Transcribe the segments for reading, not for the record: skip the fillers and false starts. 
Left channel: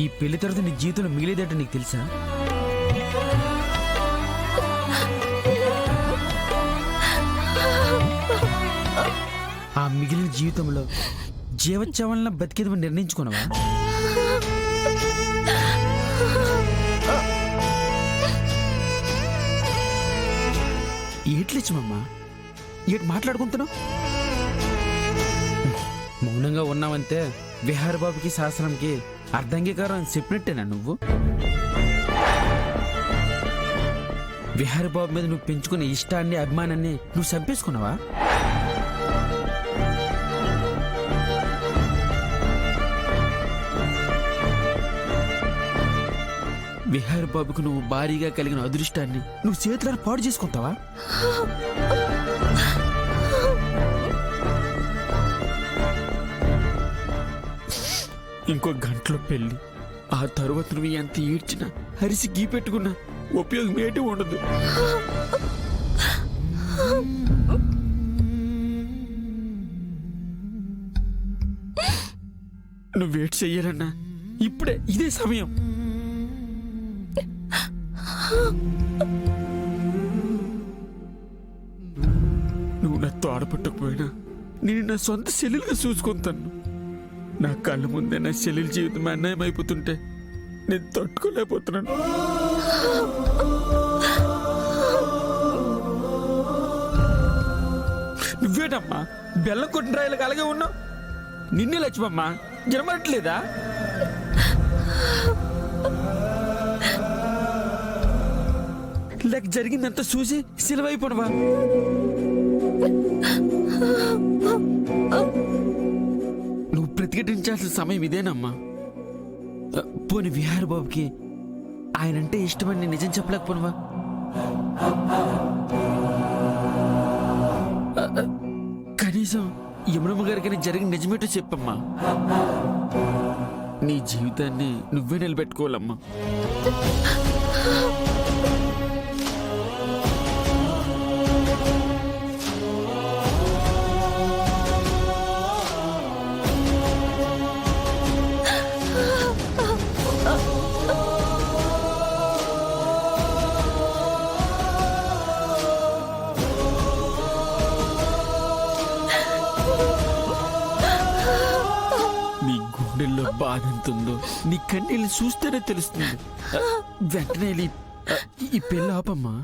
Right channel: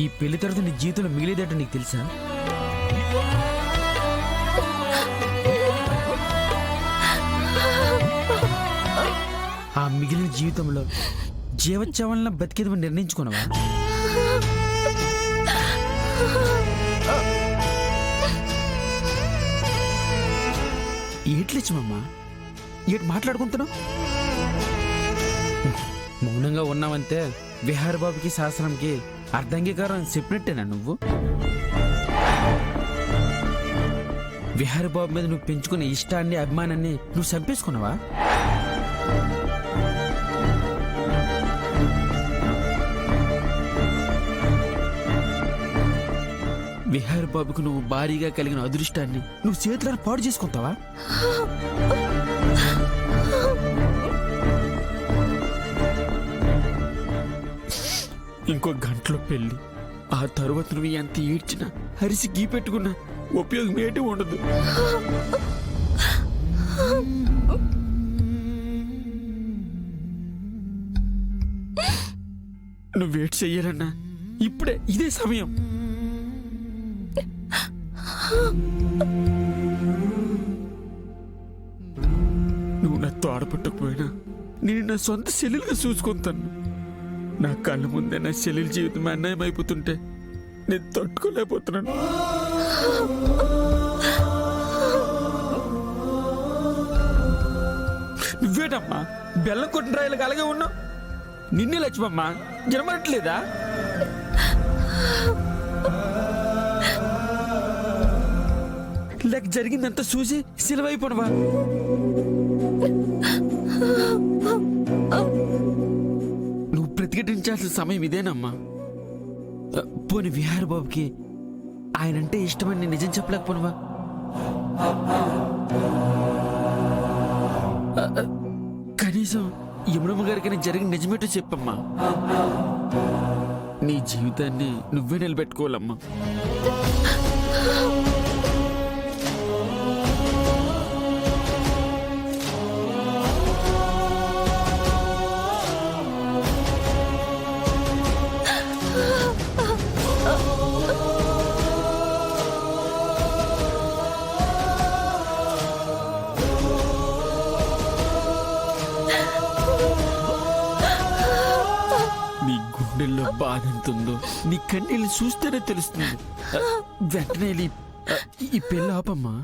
ఈ పెళ్లి తర్వాత నీ జీవితంలో మిగిలేదంటే నీకు తెలుసా? ఆ మిగిలిన జీవితంలో జీవోత్సవాలను బతికేది నిర్ణయించుకున్నావా? ఏట్లిచ్చమమ్మా, ఏటి మాట్లాడుకుంటున్నావు? మౌనంగా ఉన్నావంతే విహారబాబుకి శాస్త్రంకి అర్ధంగీకారం చెప్పినట్టేనా నువ్వు? విహారబాబు మీద నువ్వు పెంచుకునే ఇష్టాన్ని అభిమానాన్ని నువ్వు చంపేసుకున్నావా? విహారబాబుకు నువ్వు భారీగా కలిగిన అదృష్టాన్ని నువ్వు చేతులను పాడు చేసుకుంటావా? ఇంకో గంటలో పెళ్లి. ఆ తరువాత నువ్వు ఎంత ఏడ్చినా హరిసి గీ పెట్టుకున్నా ఉపయోగం ఏంటి ఉండదు. నువ్వేటి చెయ్యాలన్నా ఇప్పుడే ఇదే సమయం. నువ్వు నాతో ఆడపట్టకపోయినా నేను నా సొంత చెల్లెలుగా చూసుకుంటాను. నా కళ్ళ ముందే నా చెల్లెల జీవితం అన్యాయం అయిపోతుంటే నేను తట్టుకోలేకపోతున్నాను. నువ్వేటమ్మా బెల్లం కొట్టిన రాయలకు అలాగే ఉన్నావు? నిన్నే లక్ష్మమ్మా జరమట్లేదా? లేక జరిగిందంతా చూసి సిలవైపోవా? నువ్వు ప్రతిఘటించాల్సిన సమయం ఇదేనమ్మా. పోని విహారబాబుకి ఆయనంటే ఇష్టమని నిజం చెప్పలేకపోనువా? కనీసం యమునమ్మ గారికి జరిగిన నిజమేటో చెప్పమ్మా. నీ జీవితాన్ని నువ్వే నిలబెట్టుకోవాలమ్మా. నీ గుండెల్లో బాధ ఎంతుందో నీ కన్నీళ్ళు చూస్తేనే తెలుస్తుంది. వెంటనే ఈ పెళ్ళి ఆపమ్మా.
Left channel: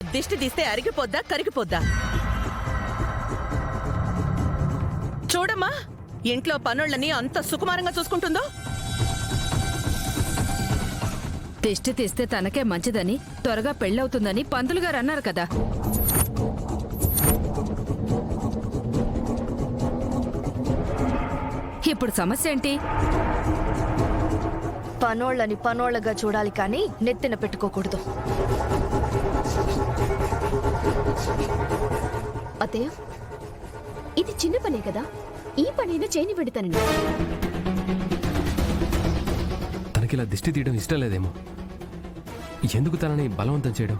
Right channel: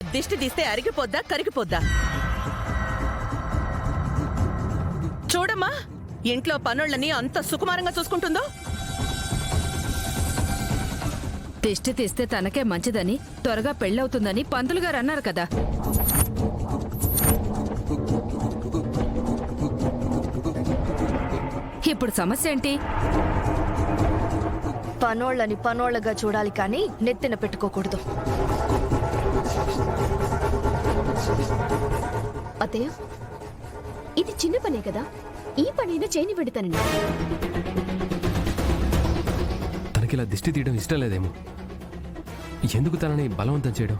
దిష్టి తీస్తే అరిగిపోద్దా కరిగిపోద్దా? చూడమ్మా, ఇంట్లో పనుళ్ళని అంత సుకుమారంగా చూసుకుంటుందో. దిష్టి తీస్తే తనకే మంచిదని, త్వరగా పెళ్ళవుతుందని పంతులు గారు అన్నారు కదా. ఇప్పుడు సమస్య ఏంటి? పనోళ్ళని పనోళ్ళగా చూడాలి కానీ నెత్తిన పెట్టుకోకూడదు. అత్తయ్య, ఇది చిన్న పనే కదా, ఈ పనైనా చేయని పెడతానండి. తనకిలా దిష్టి తీయడం ఇష్టం లేదేమో. ఎందుకు తనని బలవంతం చేయడం?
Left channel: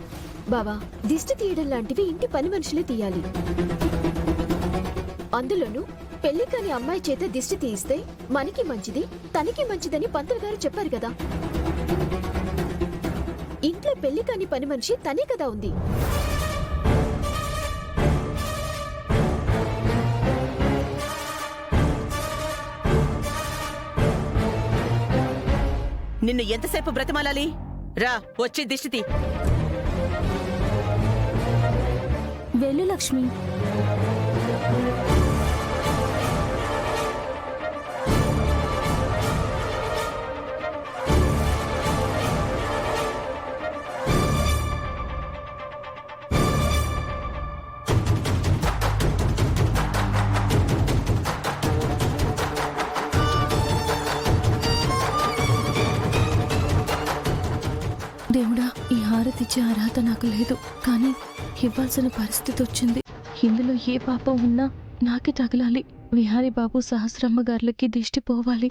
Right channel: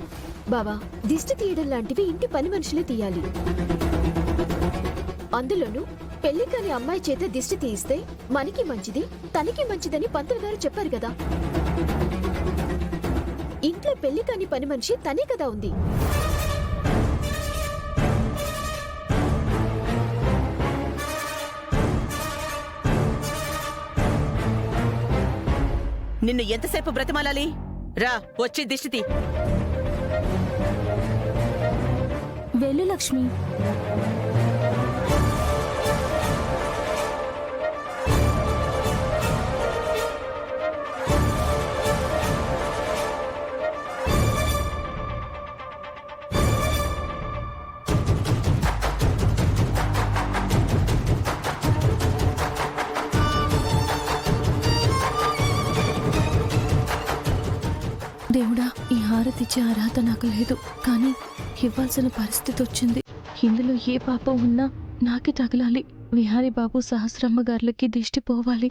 బావా, దిష్టి తీయడం లాంటివి ఇంటి పని మనుషులే తీయాలి. అందులోనూ పెళ్లి కాని అమ్మాయి చేత దిష్టి తీయిస్తే మనకి మంచిది, తనకి మంచిదని పంతులు గారు చెప్పారు కదా. ఇంట్లో పెళ్లి కాని పని మనిషి తనే కదా ఉంది. నిన్ను ఎంతసేపు బ్రతిమాలాలి? రా, వచ్చి దిష్టి తీ. వెళ్ళు లక్ష్మి. దేవుడా, ఈ హారతిచ్చే అర్హత నాకు లేదు, కానీ ఇవ్వాల్సిన పరిస్థితి వచ్చింది. ఇందులో ఏ పాపం ఉన్నా నాకే తగలాలి. విహారీ బాబు సహస్రమ్మ గారులకి దిష్టి పోవాలి.